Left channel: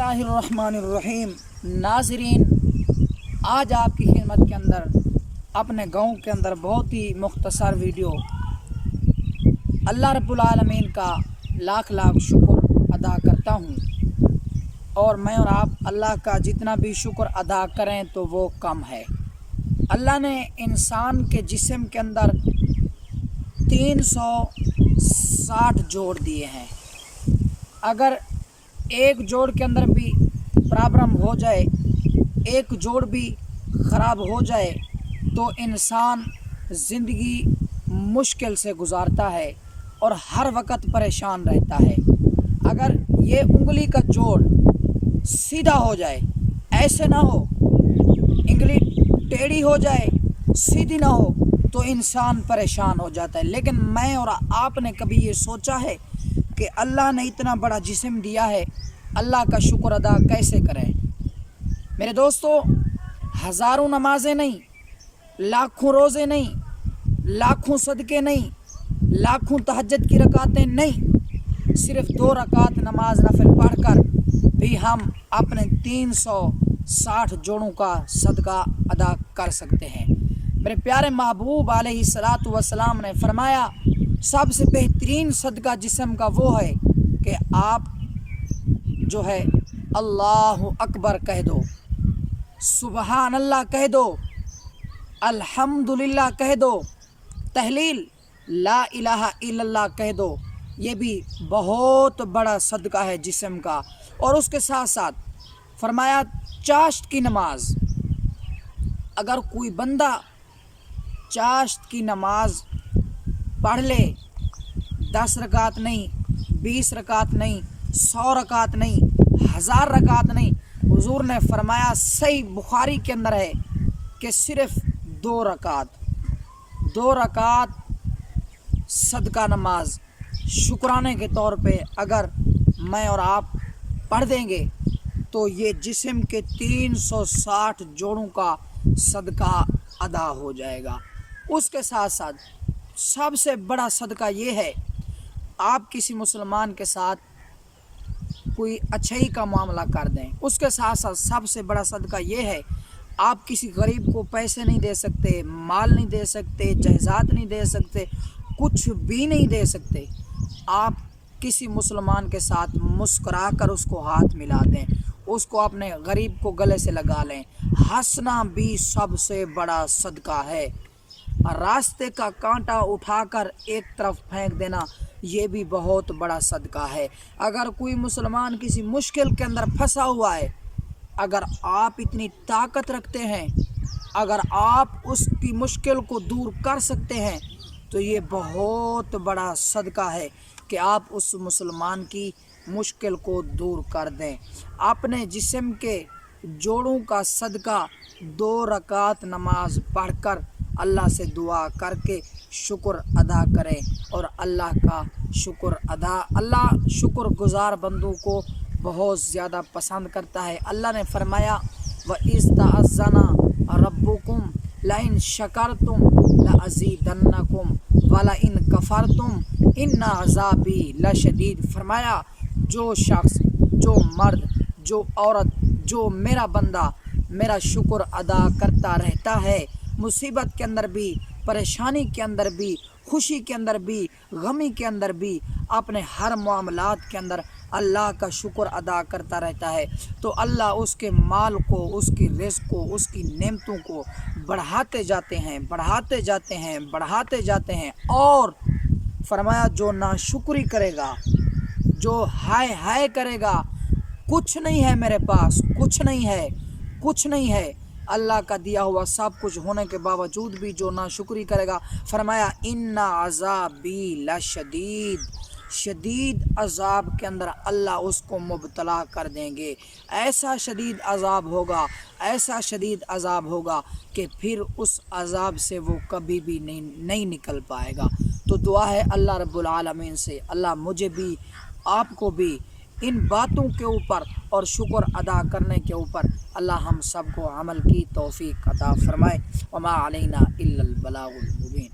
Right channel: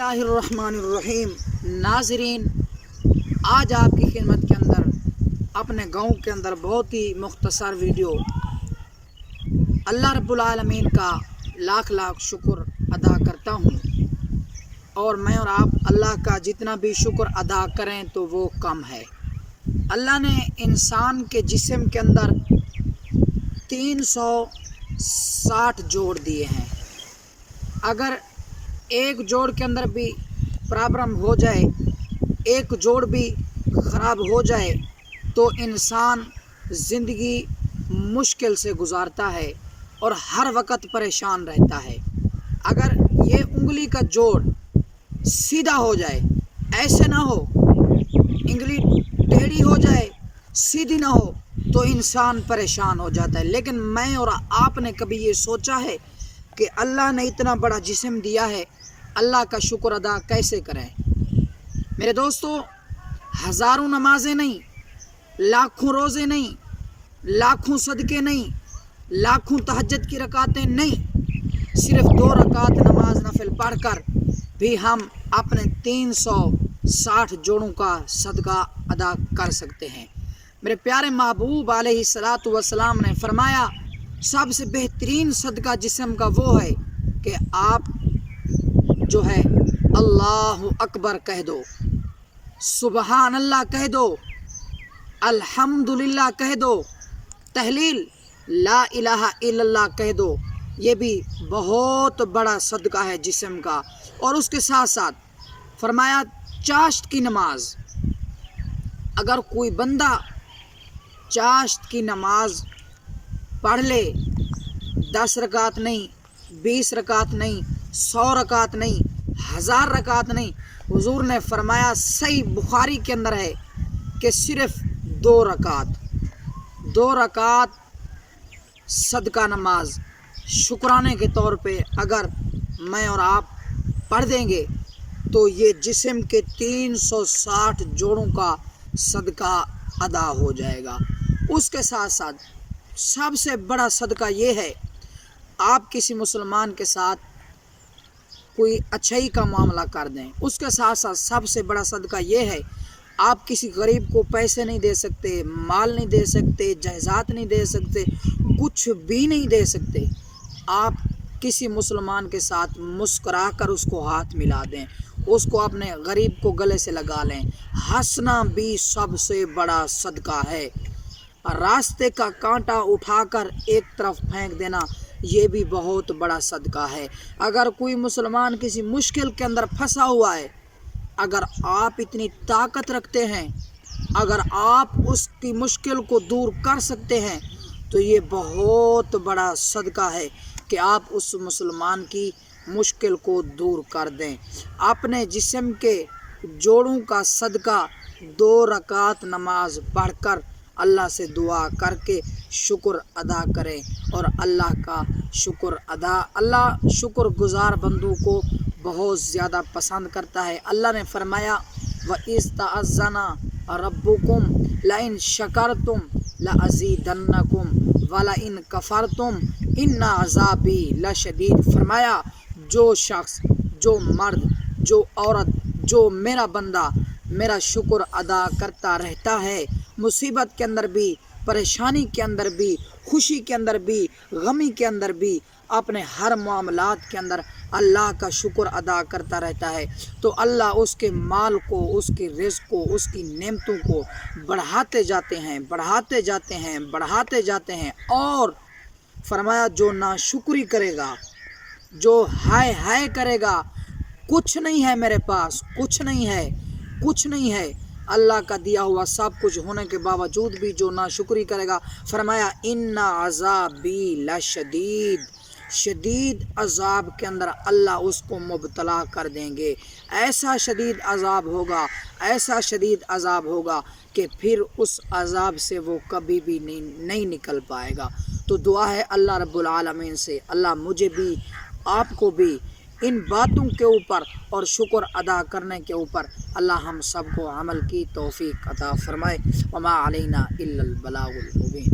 बिस्मिल्लाहिर्रहमानिर्रहीम। नाज़रीन, आज आपकी खिदमत के अंदर अपने गाँव के अंदर बहुत ही मुख्तसर वीडियो अल्लाह रब्बुल आलमीन का लाख लाख शुक्र अदा करता हूँ। और मैं और आप अल्लाह का जितना भी शुक्र अदा करें तो वो कम है। अल्लाह ने इंसान के जिस्म के अंदर 360 जोड़ दिए हैं। अगर एक जोड़ के अंदर भी प्रॉब्लम हो जाए, एक जोड़ भी ख़राब हो जाए तो इंसान ज़िंदगी मुश्किल से गुजारता है और हर वक्त परेशान रहता है। अगर ये उंगली का जोड़ सीधा हो जाए, ऐसे ना हो, उंगली टेढ़ी हो जाए, सीधी ना हो, तो इंसान परेशान हो जाता है। लेकिन मैं और आपने कभी ये सोचा है कि अल्लाह ने इतना बड़ा जिस्म दिया है, अल्लाह का शुक्र अदा कैसे करें? मेरे दोस्तों, हज़ारों नमाज़ें नहीं, लाखों रोज़े नहीं, लाखों सदक़े नहीं, लाखों तहज्जुद की रकातें नहीं, सिर्फ 2 रकात नमाज नफिल पढ़कर भी हम अपने 360 जोड़ों का सदका अदा कर सकते हैं। मेरे प्यारे महबूब अलैहिस्सलातु वस्सलाम ने फरमाया, सबसे बेहतरीन सदका जिस्म का वो है कि आप जो है अल्लाहु अकबर कह दो, सुबहान अल्लाह कह दो, अल्हम्दुलिल्लाह कह दो, तहलील ला इलाहा इल्लल्लाह कह दो। ये भी बहुत बड़ा सदका है जिस्म का। और उसके साथ साथ फरमाया चाश्त की नमाज, अगर कोई बंदा चाश्त की नमाज पढ़ ले, 10 रकात नहीं, 20 रकात नहीं, 100 रकात नहीं, 1000 रकात नहीं, हुजूर ने फरमाया, सही बुखारी के अंदर है कि सिर्फ 2 रकात सदका नमाज शुक्राने के तौर पे अगर मैं और आप पढ़ देंगे तो ये जिस्म के 360 जोड़ों का सदका अदा हो जाएगा। उसके साथ साथ सबसे बड़ा सदका ये है, आप किसी मुसलमान के साथ कोई अच्छाई का मामला कर दें। उसके साथ साथ सबसे बड़ा सदका ये है, आप किसी गरीब को पैसे नहीं दे सकते, माल नहीं दे सकते, जायदाद नहीं दे सकते, कुछ भी नहीं दे सकते, आप किसी मुसलमान के साथ मुस्कुरा कर उसको हाथ मिला दें, उसको अपने गरीब को गले से लगा लें। हंसना भी सबसे बड़ा सदका है। रास्ते का कांटा उठाकर एक तरफ फेंक देना, ये भी बहुत बड़ा सदका है। अगर कोई मुसलमान किसी मुश्किल के अंदर फंसा हुआ है, अगर आप इतनी ताकत रखते हैं, अगर आप उसकी मुश्किल को दूर कर सकते हैं, तो ये बहुत बड़ा सदका है कि आप उस मुसलमान की मुश्किल को दूर कर दें। अपने जिस्म के जोड़ों का सदका 2 रकात नमाज पढ़कर अल्लाह से दुआ करके शुक्र अदा करें। और अल्लाह का शुक्र अल्लाह शुक्र गुज़ार बंदों को बहुत ज़्यादा पसंद करता है। अल्लाह ने फरमाया, व इस्तअज़्ज़ना रब्बुकुम लइन शकरतुम लअज़ीदन्नकुम वला इन कफरतुम इन्ना अज़ाबी लशदीद। फरमाया, जो शख्स, जो मर्द, जो औरत, जो मेरा बंदा मेरा शुक्र अदा करता रहता है, मुसीबत के अंदर भी, परेशानी के अंदर भी, खुशी के अंदर भी, गमी के अंदर भी, अपने हर मामलात के अंदर अल्लाह का शुक्र अदा करता रहता है, तो अल्लाह उसके माल को, उसकी रिज़्क़ को, उसकी नेमतों को बढ़ाते जाते हैं, बढ़ाते जाते हैं, बढ़ाते जाते हैं। और फरमाया, जो नाशुक्री करेगा, जो हाय हाय करेगा, कुछ नहीं है मेरे पास, कुछ नहीं है, कुछ नहीं है, अल्लाह का दिया हुआ सब कुछ होने के बावजूद भी जो नाशुक्री करेगा, फरमाया, इन्ना अज़ाबी लशदीद, शदीद अज़ाब के अंदर अल्लाह उसको मुब्तला कर देंगे। ऐसा शदीद अज़ाब होगा, ऐसा शदीद अज़ाब होगा कि फिर उस अज़ाब से वो कभी भी नहीं निकल पाएगा। तो दुआ है अल्लाह रब्बुल आलमीन से, अल्लाह मुझे भी, आपको भी इन बातों के ऊपर और शुक्र अदा करने के ऊपर अल्लाह हम सबको अमल की तौफीक अता फरमाए। वमा अलैना इल्लल बलागुल मुबीन।